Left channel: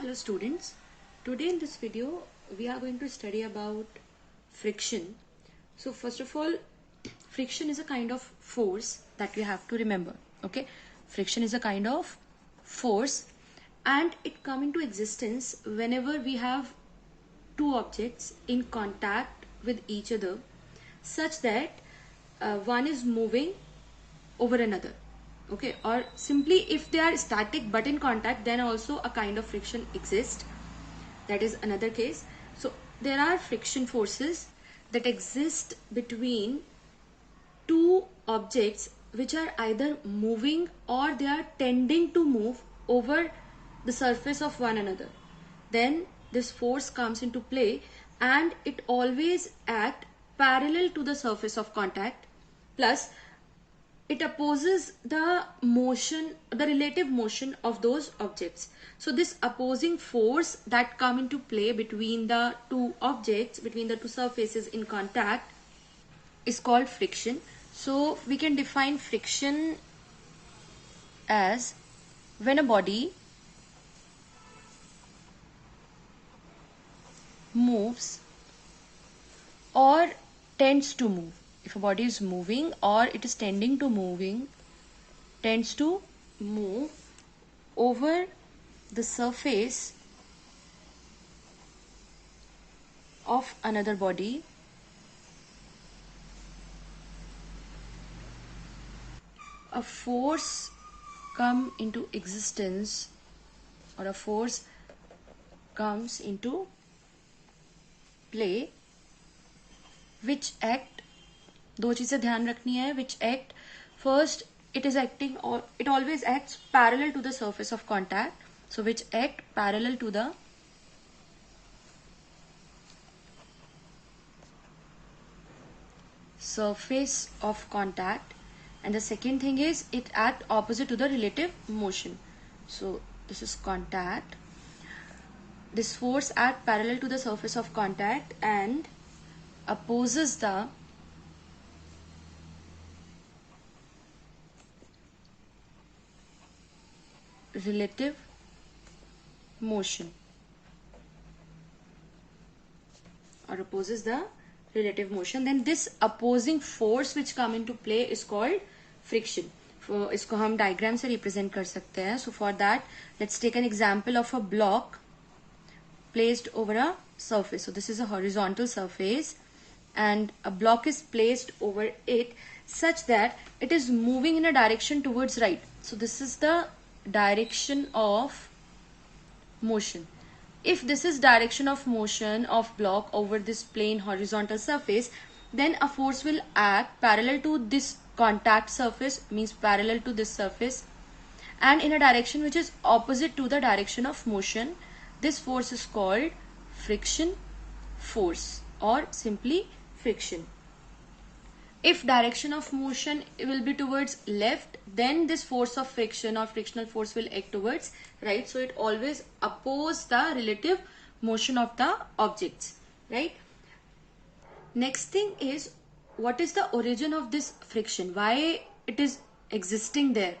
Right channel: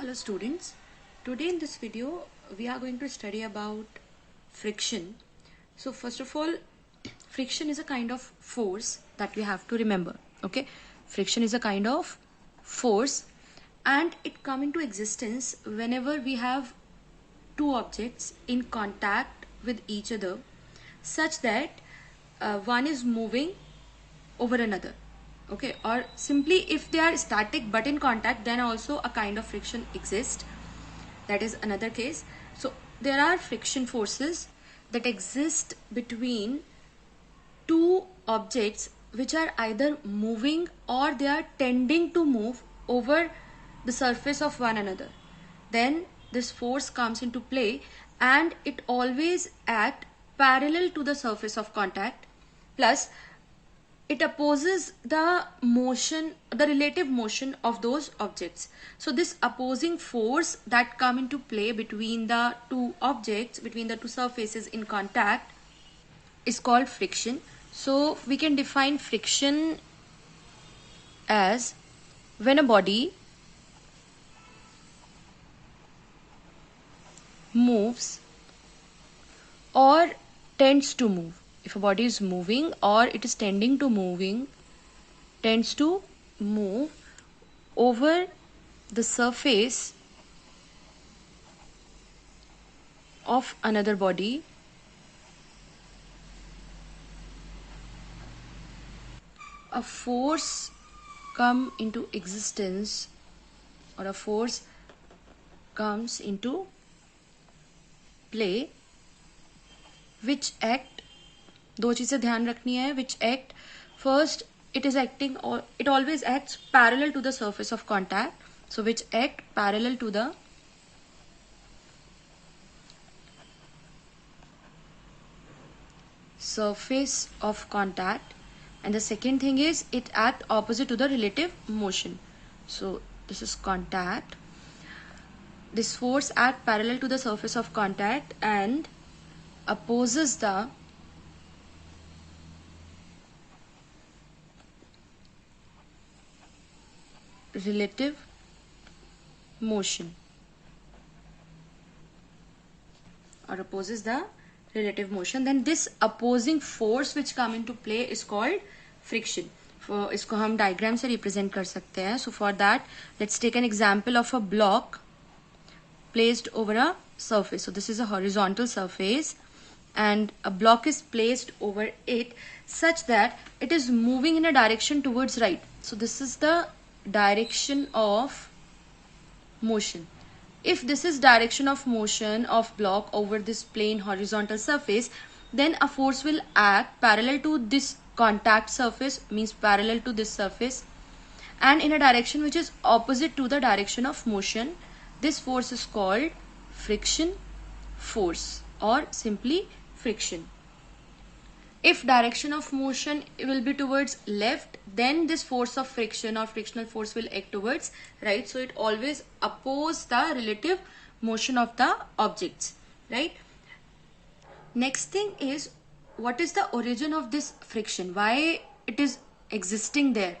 Hello students, today in this video we are going to study about friction. So first of all, friction is a kind of force that we have to remember. Okay, friction is a kind of force and it come into existence whenever we have two objects in contact with each other such that one is moving over another. Okay, or simply if they are static but in contact, then also a kind of friction exists. That is another case. So there are friction forces that exist between two objects which are either moving or they are tending to move over the surface of one another. Then this force comes into play and it always act parallel to the surface of contact, plus it opposes the motion, the relative motion of those objects. So this opposing force that come into play between the two objects, between the two surfaces in contact, is called friction. So we can define friction as when a body moves or tends to move. If a body is moving or it is tending to tends to move over the surface of another body, a force come into existence or a force comes into play which act, दो चीजें ध्यान रखनी है, which act first, it is acting or it always acts parallel to the surface of contact. So which act parallel to the surface of contact, and the second thing is it act opposite to the relative motion. So this is contact. This force act parallel to the surface of contact and opposes the relative motion or opposes the relative motion. Then this opposing force which come into play is called friction. For इसको हम diagram से represent कर सकते हैं. So for that, let's take an example of a block placed over a surface. So this is a horizontal surface and a block is placed over it such that it is moving in a direction towards right. So this is the direction of motion. If this is direction of motion of block over this plane horizontal surface, then a force will act parallel to this contact surface, means parallel to this surface, and in a direction which is opposite to the direction of motion. This force is called friction force or simply friction. If direction of motion will be towards left, then this force of friction or frictional force will act towards right. So it always opposes the relative motion of the objects, right? Next thing is, what is the origin of this friction? Why it is existing there?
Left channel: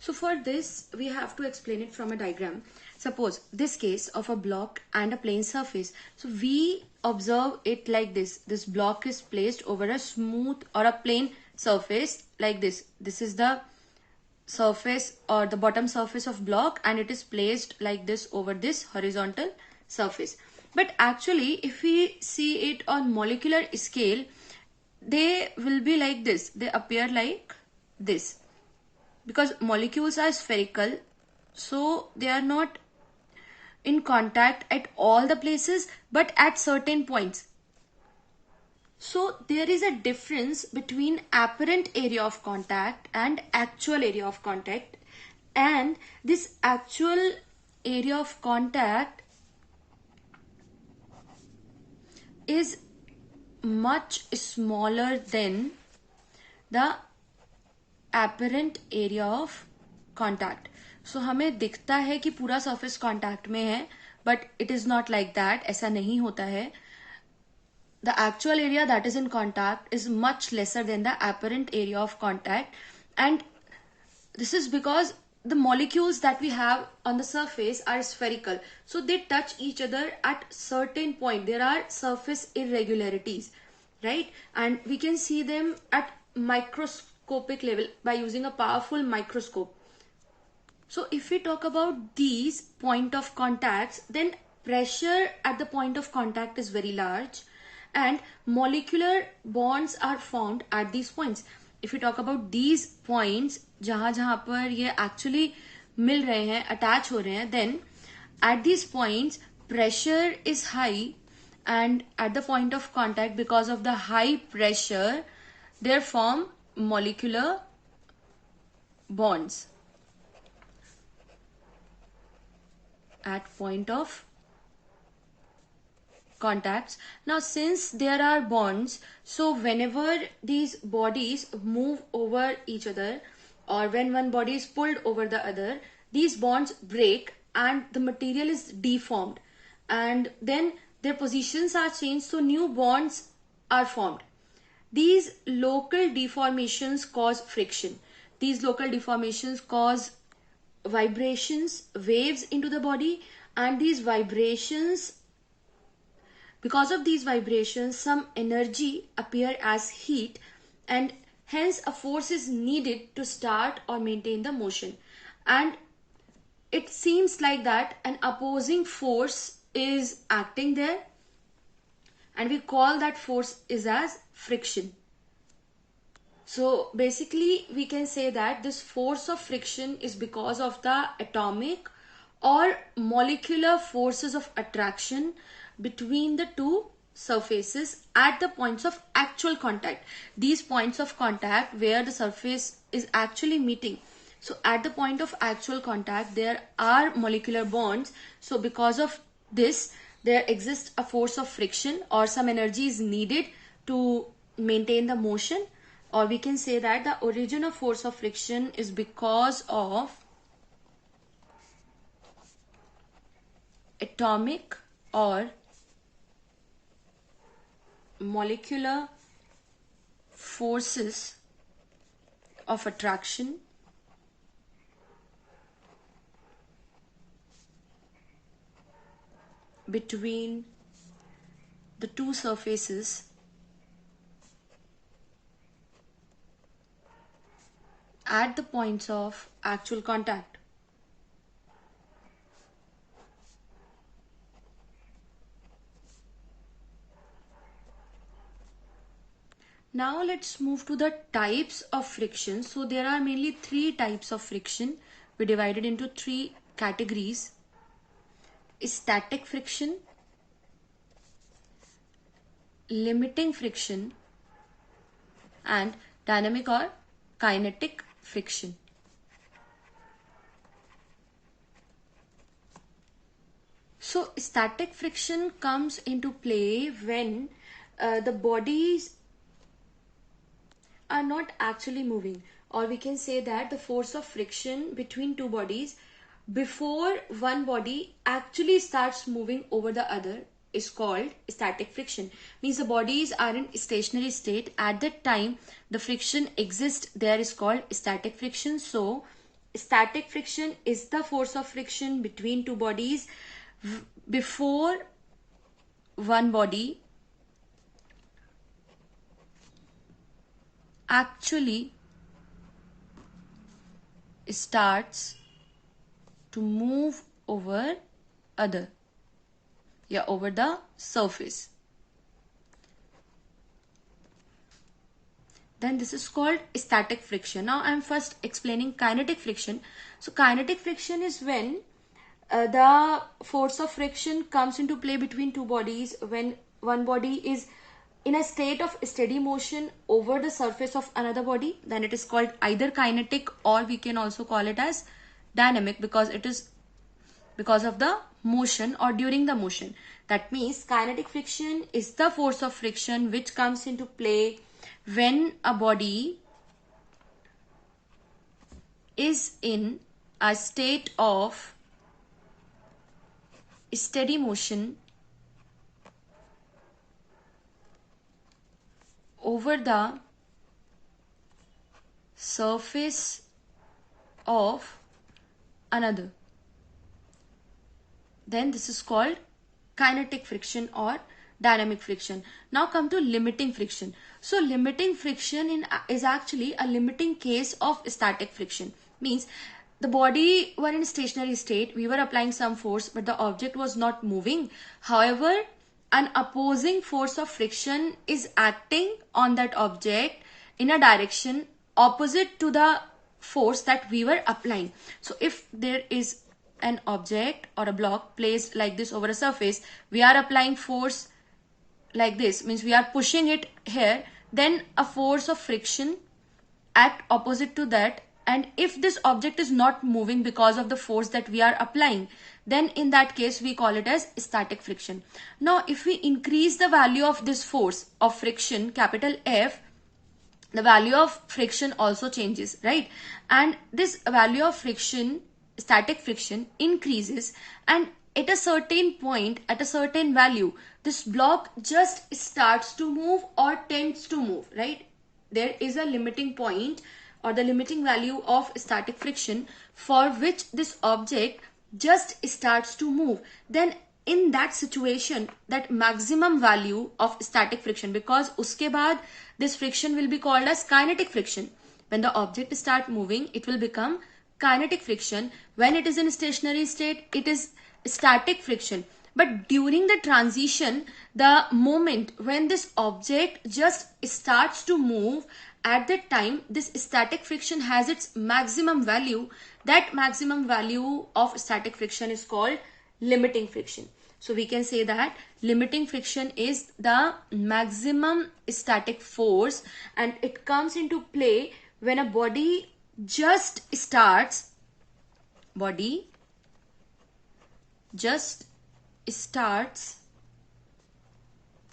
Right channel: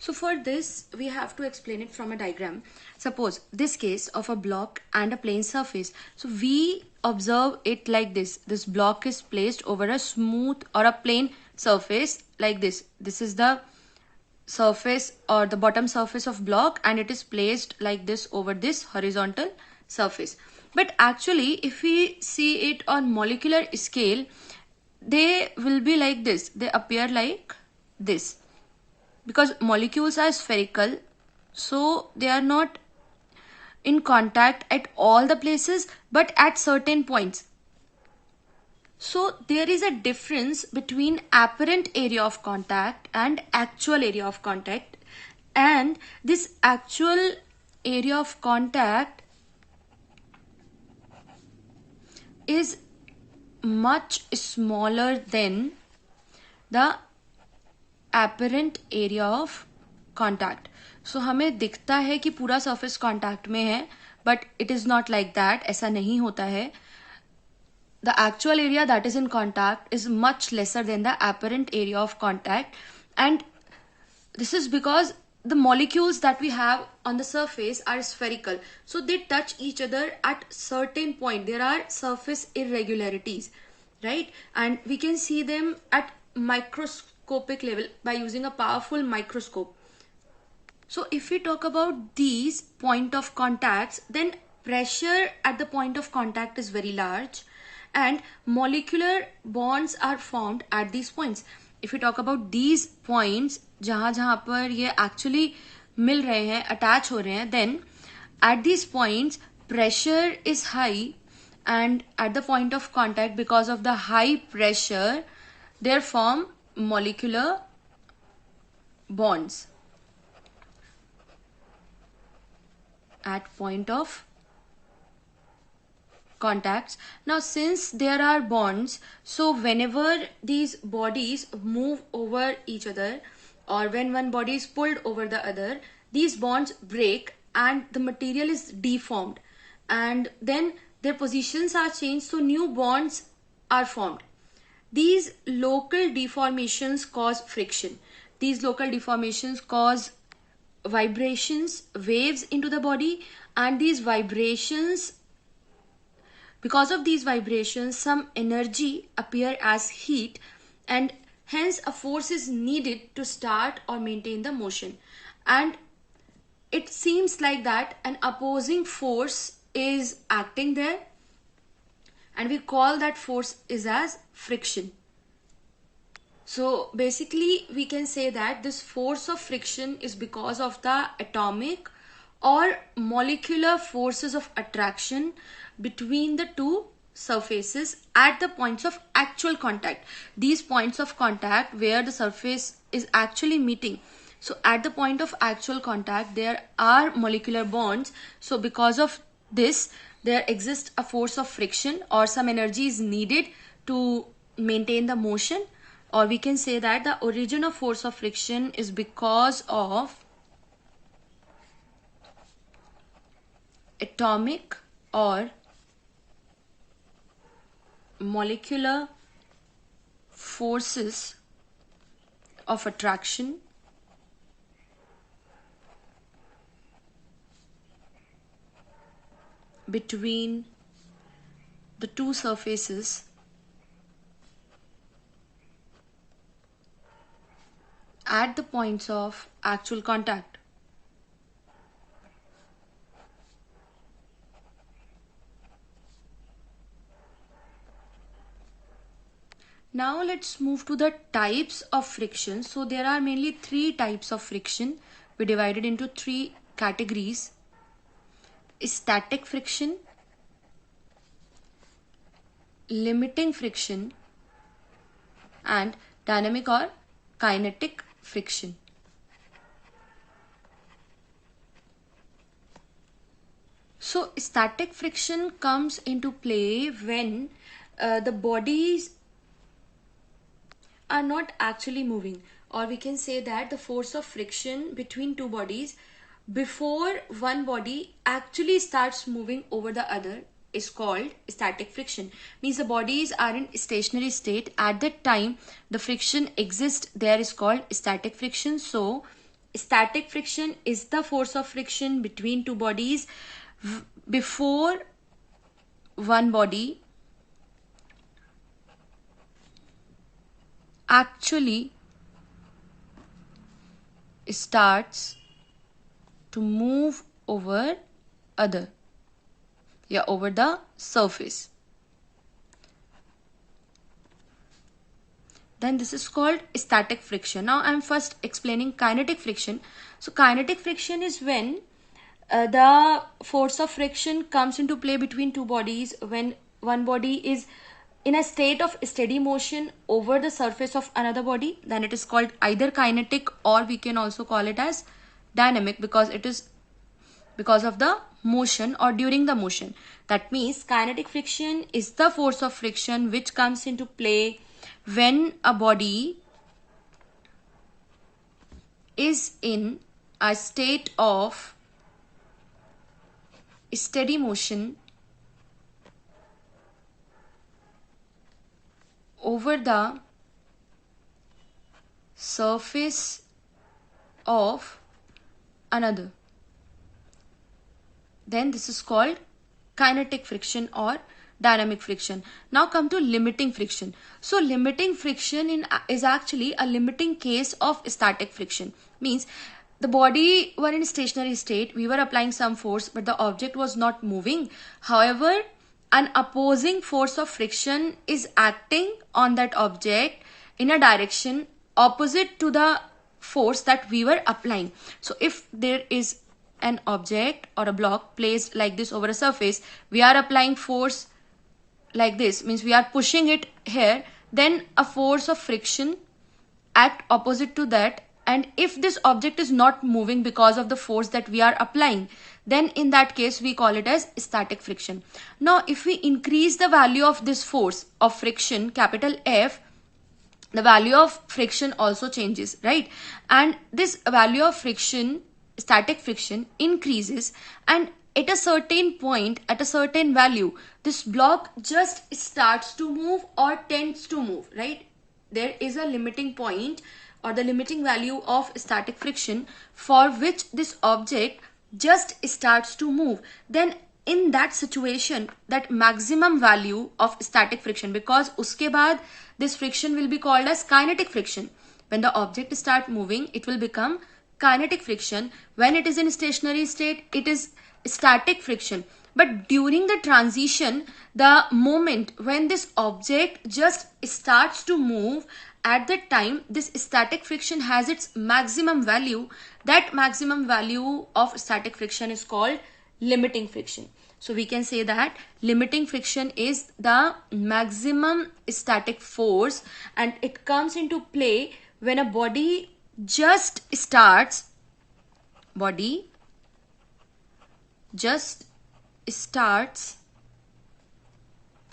So for this, we have to explain it from a diagram. Suppose this case of a block and a plane surface. So we observe it like this. This block is placed over a smooth or a plane surface like this. This is the surface or the bottom surface of block and it is placed like this over this horizontal surface. But actually, if we see it on molecular scale, they will be like this. They appear like this. Because molecules are spherical, so they are not in contact at all the places but at certain points. So there is a difference between apparent area of contact and actual area of contact, and this actual area of contact is much smaller than the apparent area of contact. So हमें दिखता है कि पूरा surface contact में है, but it is not like that. ऐसा नहीं होता है. The actual area that is in contact is much lesser than the apparent area of contact, and this is because the molecules that we have on the surface are spherical, so they touch each other at certain point. There are surface irregularities, right? And we can see them at microscopic level by using a powerful microscope. So if we talk about these point of contacts, then pressure at the point of contact is very large and molecular bonds are formed at these points. If we talk about these points, जहाँ जहाँ पर ये actually मिल रहे हैं, attach हो रहे हैं, then at these points pressure is high, and at the point of contact, because of the high pressure, they form molecular bonds at point of contacts. Now since there are bonds, so whenever these bodies move over each other, or when one body is pulled over the other, these bonds break and the material is deformed, and then their positions are changed, so new bonds are formed. These local deformations cause friction. These local deformations cause vibrations, waves into the body, and these vibrations, because of these vibrations, some energy appear as heat, and hence a force is needed to start or maintain the motion. And it seems like that an opposing force is acting there, and we call that force is as friction. So basically we can say that this force of friction is because of the atomic or molecular forces of attraction between the two surfaces at the points of actual contact. These points of contact where the surface is actually meeting. So at the point of actual contact there are molecular bonds. So because of this there exists a force of friction, or some energy is needed to maintain the motion. Or we can say that the origin of force of friction is because of atomic or molecular forces of attraction between the two surfaces at the points of actual contact. Now let's move to the types of friction. So there are mainly three types of friction. We divided into three categories: static friction, limiting friction, and dynamic or kinetic friction. So static friction comes into play when the bodies are not actually moving, or we can say that the force of friction between two bodies before one body actually starts moving over the other is called static friction. Means the bodies are in stationary state. At that time the friction exists there is called static friction. So static friction is the force of friction between two bodies before one body actually starts to move over other, over the surface. Then this is called static friction. Now I'm first explaining kinetic friction. So kinetic friction is when the force of friction comes into play between two bodies when one body is in a state of steady motion over the surface of another body. Then it is called either kinetic, or we can also call it as dynamic, because it is because of the motion or during the motion. That means kinetic friction is the force of friction which comes into play when a body is in a state of steady motion over the surface of another. Then this is called kinetic friction or dynamic friction. Now come to limiting friction. So limiting friction is actually a limiting case of static friction. Means the body were in stationary state, we were applying some force, but the object was not moving. However, an opposing force of friction is acting on that object in a direction opposite to the force that we were applying. So if there is an object or a block placed like this over a surface, we are applying force like this, means we are pushing it here, then a force of friction act opposite to that, and if this object is not moving because of the force that we are applying, then in that case we call it as static friction. Now if we increase the value of this force of friction, capital F, the value of friction also changes, right? And this value of friction, static friction, increases, and at a certain point, at a certain value, this block just starts to move or tends to move, right? There is a limiting point or the limiting value of static friction for which this object just starts to move. Then in that situation, that maximum value of static friction, because uske baad this friction will be called as kinetic friction. When the object start moving, it will become kinetic friction. When it is in stationary state, it is static friction. But during the transition, the moment when this object just starts to move, at that time this static friction has its maximum value. That maximum value of static friction is called limiting friction. So we can say that limiting friction is the maximum static force, and it comes into play when a body just starts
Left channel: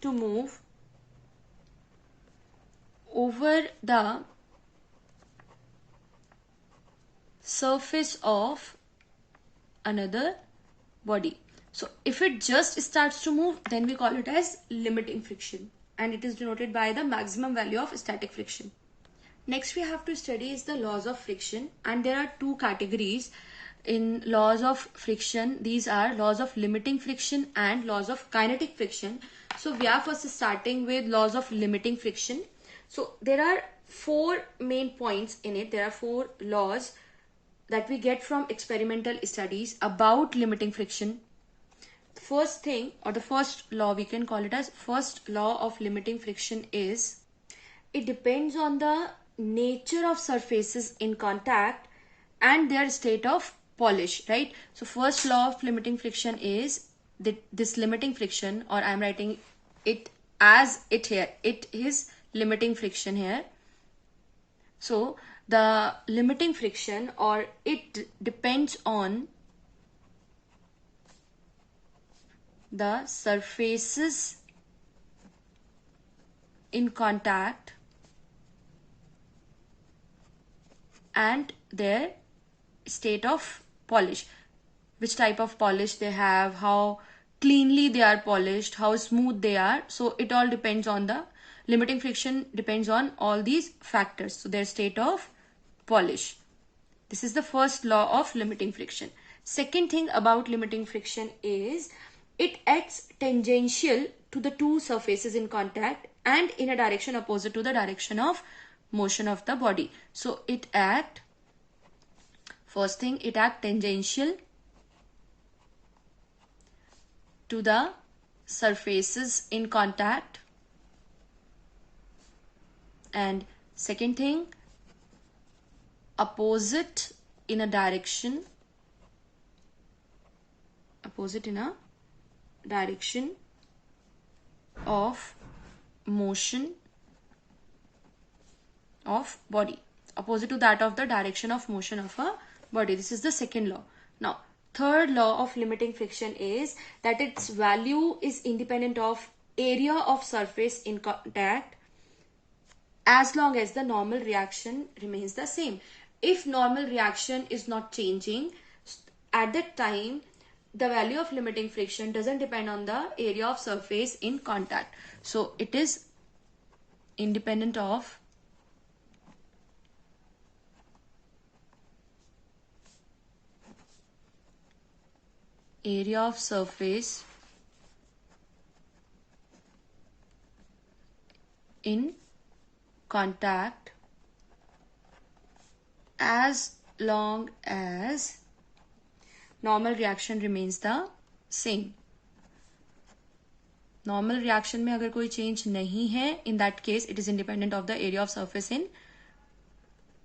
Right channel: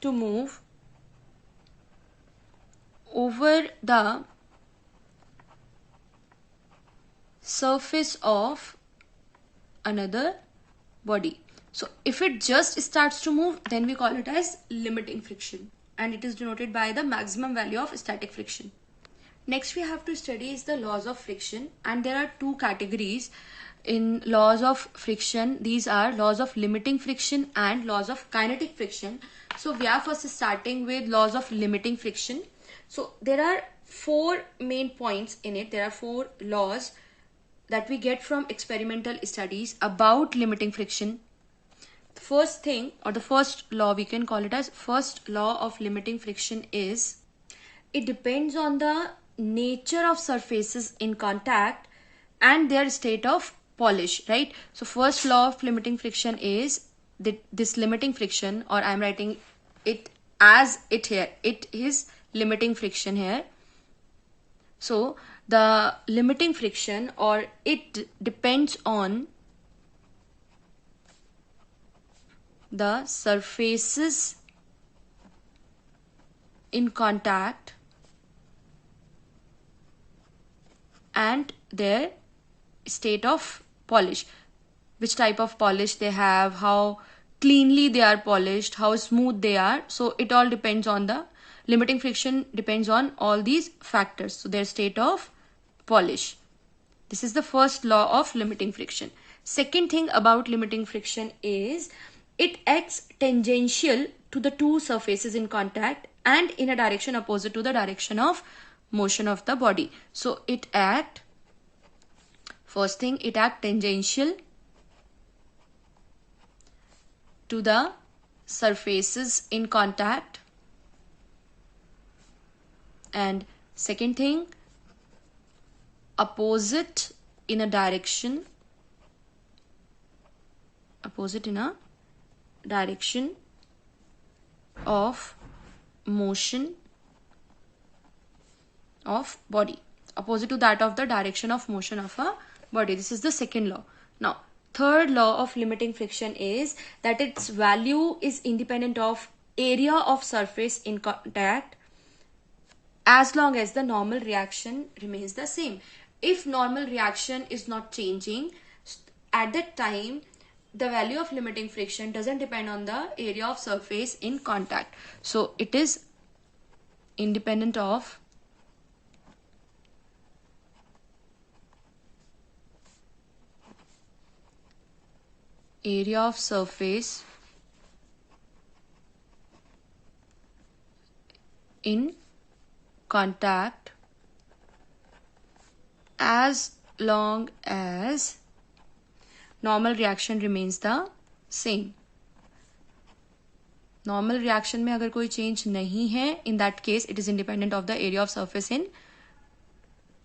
to move over the surface of another body. So if it just starts to move, then we call it as limiting friction, and it is denoted by the maximum value of static friction. Next we have to study is the laws of friction, and there are two categories in laws of friction. These are laws of limiting friction and laws of kinetic friction. So we are first starting with laws of limiting friction. So there are four main points in it. There are four laws that we get from experimental studies about limiting friction. The first thing, or the first law, we can call it as first law of limiting friction, is it depends on the nature of surfaces in contact and their state of polish, right? So first law of limiting friction is that this limiting friction, or I'm writing it as it here, it is limiting friction here. So the limiting friction, or it depends on the surfaces in contact and their state of polish, which type of polish they have, how cleanly they are polished, how smooth they are. So it all depends on the limiting friction, depends on all these factors. So their state of polish. This is the first law of limiting friction. Second thing about limiting friction is it acts tangential to the two surfaces in contact and in a direction opposite to the direction of motion of the body. So it acts, first thing, it acts tangential to the surfaces in contact, and second thing, opposite in a direction of motion of body, opposite to that of the direction of motion of a body. This is the second law. Now third law of limiting friction is that its value is independent of area of surface in contact as long as the normal reaction remains the same. If normal reaction is not changing, at that time the value of limiting friction doesn't depend on the area of surface in contact. So it is independent of area of surface in contact as long as normal reaction remains the same. Normal reaction में अगर कोई change नहीं है, in that case it is independent of the area of surface in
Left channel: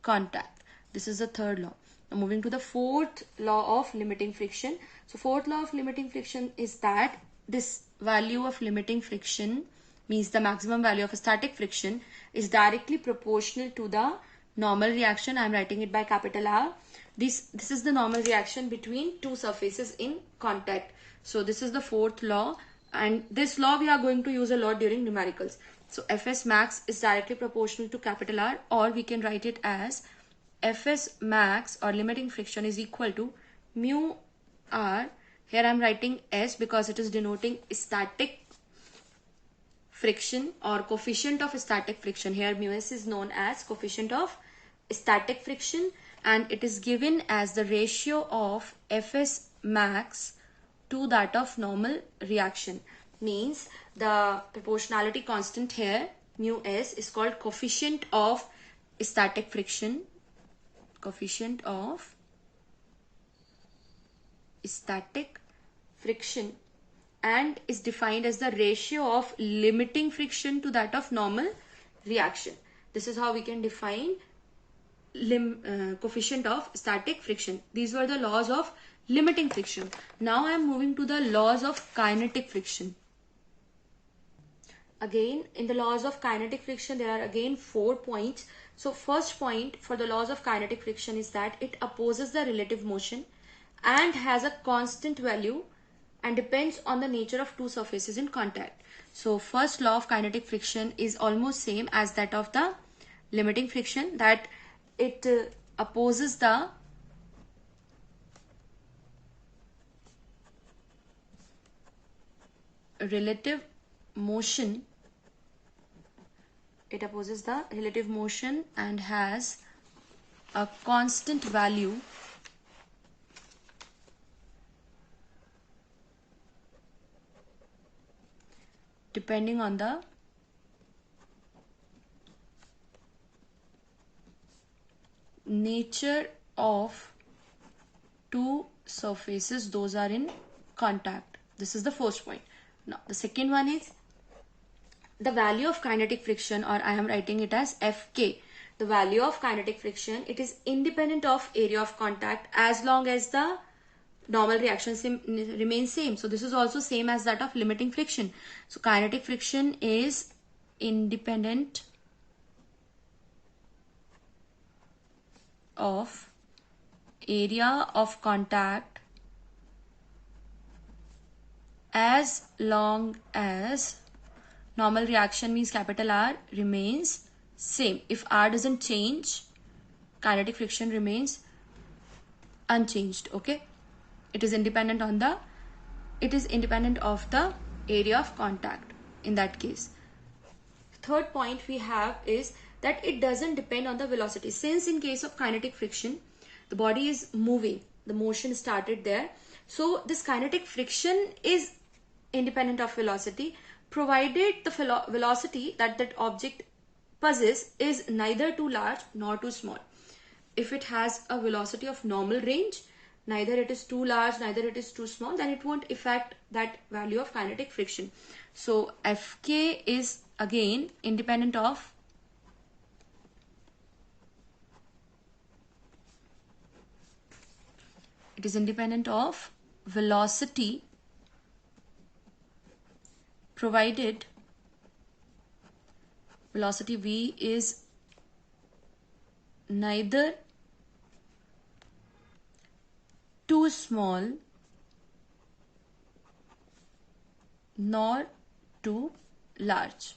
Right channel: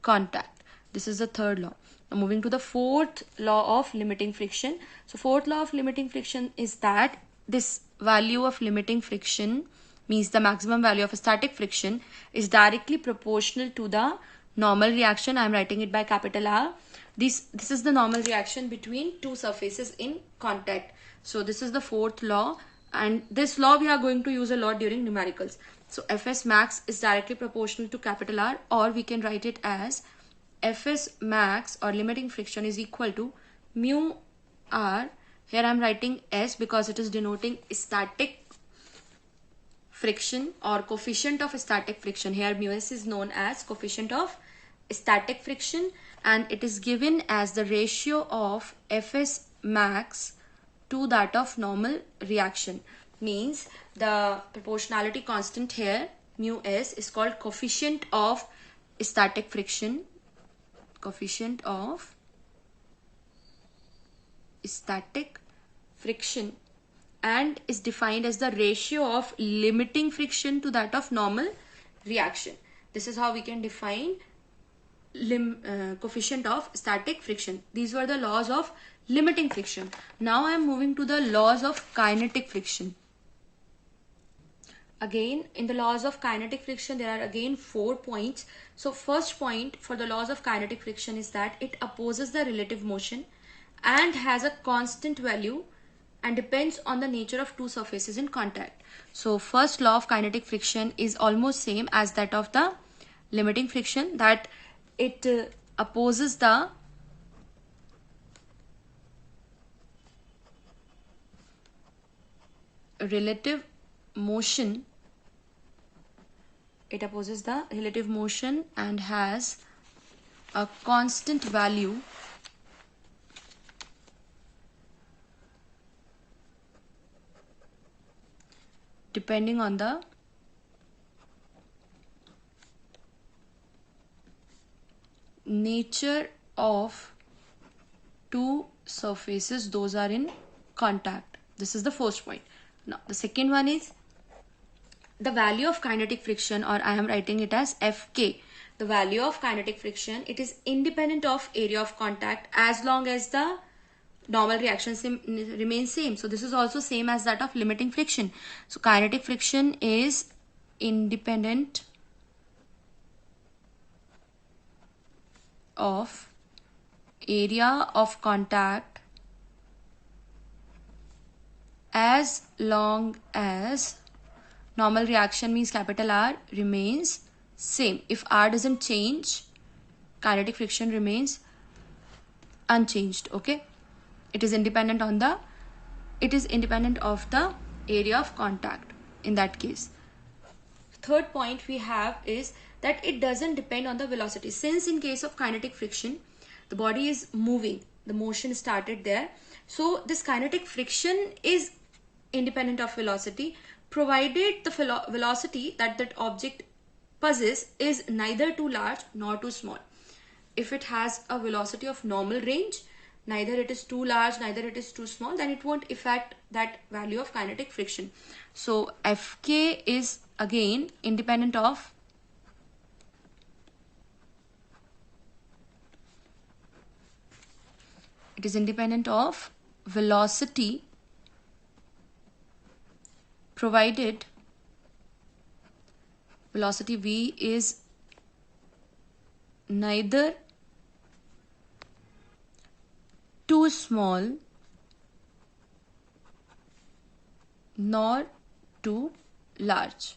contact. This is the third law. Now moving to the fourth law of limiting friction. So fourth law of limiting friction is that this value of limiting friction means the maximum value of static friction is directly proportional to the normal reaction. I am writing it by capital R. This is the normal reaction between two surfaces in contact. So this is the fourth law, and this law we are going to use a lot during numericals. So Fs max is directly proportional to capital R, or we can write it as Fs max or limiting friction is equal to mu R. Here I am writing S because it is denoting static friction or coefficient of static friction. Here mu S is known as coefficient of static friction, and it is given as the ratio of Fs max to that of normal reaction. Means the proportionality constant here, mu S, is called coefficient of static friction. Coefficient of static friction, and is defined as the ratio of limiting friction to that of normal reaction. This is how we can define coefficient of static friction. These were the laws of limiting friction. Now I am moving to the laws of kinetic friction. Again, in the laws of kinetic friction, there are again 4 points. So first point for the laws of kinetic friction is that it opposes the relative motion and has a constant value and depends on the nature of two surfaces in contact. So first law of kinetic friction is almost same as that of the limiting friction, that it opposes the relative motion. It opposes the relative motion and has a constant value depending on the nature of two surfaces those are in contact. This is the first point. Now the second one is the value of kinetic friction, or I am writing it as Fk. The value of kinetic friction, it is independent of area of contact as long as the normal reaction remains same. So this is also same as that of limiting friction. So kinetic friction is independent of area of contact as long as normal reaction means capital R remains same. If R doesn't change, kinetic friction remains unchanged. Okay, it is independent of the area of contact in that case. Third point we have is that it doesn't depend on the velocity. Since in case of kinetic friction, the body is moving, the motion started there. So this kinetic friction is independent of velocity, provided the velocity that object possesses is neither too large nor too small. If it has a velocity of normal range, neither it is too large, neither it is too small, then it won't affect that value of kinetic friction. So Fk is again independent of velocity, provided velocity v is neither too small nor too large.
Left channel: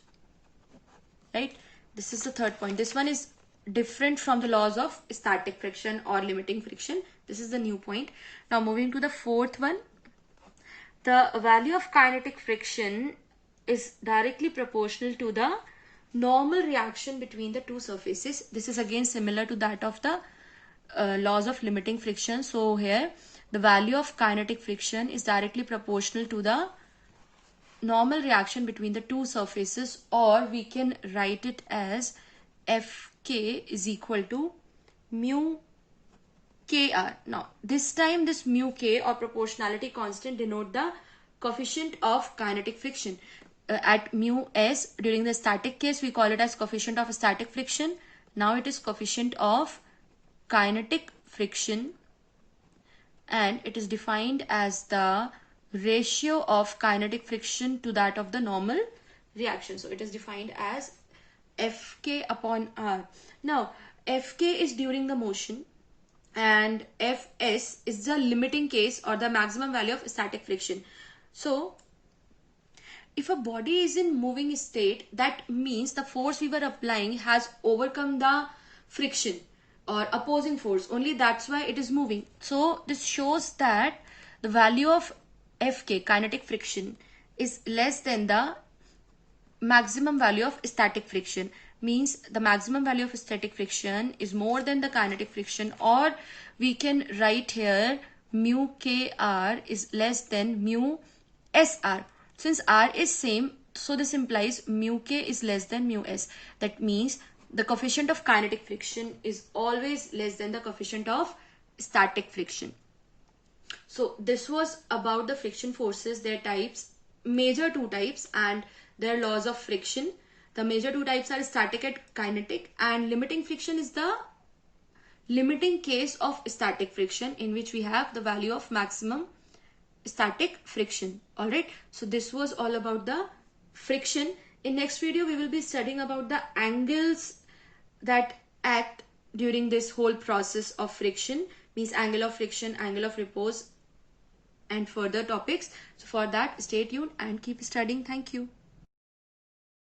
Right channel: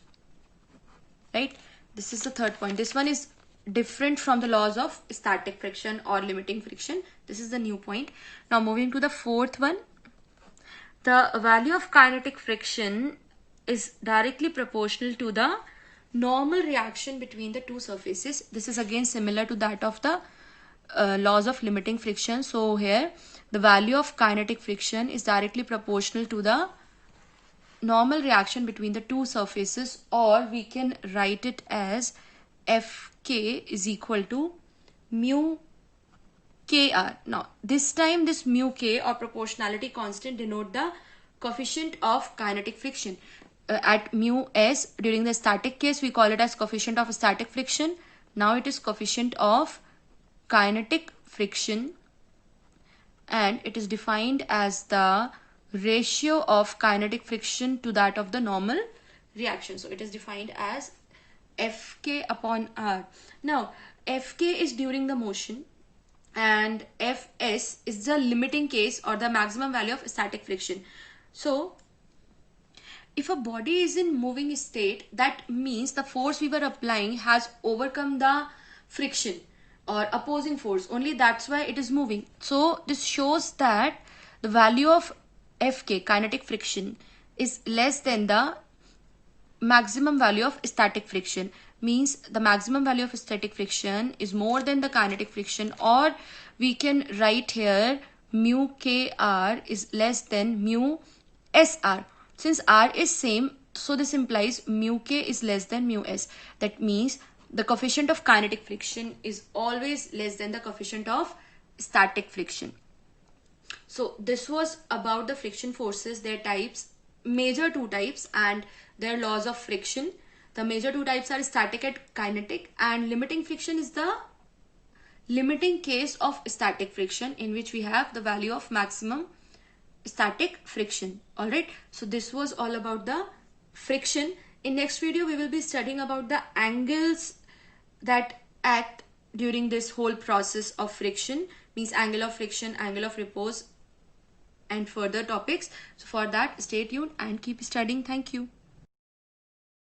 Right? This is the third point. This one is different from the laws of static friction or limiting friction. This is the new point. Now moving to the fourth one. The value of kinetic friction is directly proportional to the normal reaction between the two surfaces. This is again similar to that of the laws of limiting friction. So here the value of kinetic friction is directly proportional to the normal reaction between the two surfaces, or we can write it as Fk is equal to mu kr. Now this time this mu k or proportionality constant denote the coefficient of kinetic friction. At mu s during the static case we call it as coefficient of static friction. Now it is coefficient of kinetic friction, and it is defined as the ratio of kinetic friction to that of the normal reaction. So it is defined as Fk upon R. Now Fk is during the motion and Fs is the limiting case or the maximum value of static friction. So if a body is in moving state, that means the force we were applying has overcome the friction or opposing force. Only that's why it is moving. So this shows that the value of Fk, kinetic friction, is less than the maximum value of static friction. Means the maximum value of static friction is more than the kinetic friction, or we can write here mu kr is less than mu sr. Since r is same, so this implies mu k is less than mu s. That means the coefficient of kinetic friction is always less than the coefficient of static friction. So this was about the friction forces, their types, major two types, and their laws of friction. The major two types are static and kinetic, and limiting friction is the limiting case of static friction, in which we have the value of maximum static friction. Alright, so this was all about the friction. In next video we will be studying about the angles that act during this whole process of friction, means angle of friction, angle of repose, and further topics. So for that, stay tuned and keep studying. Thank you.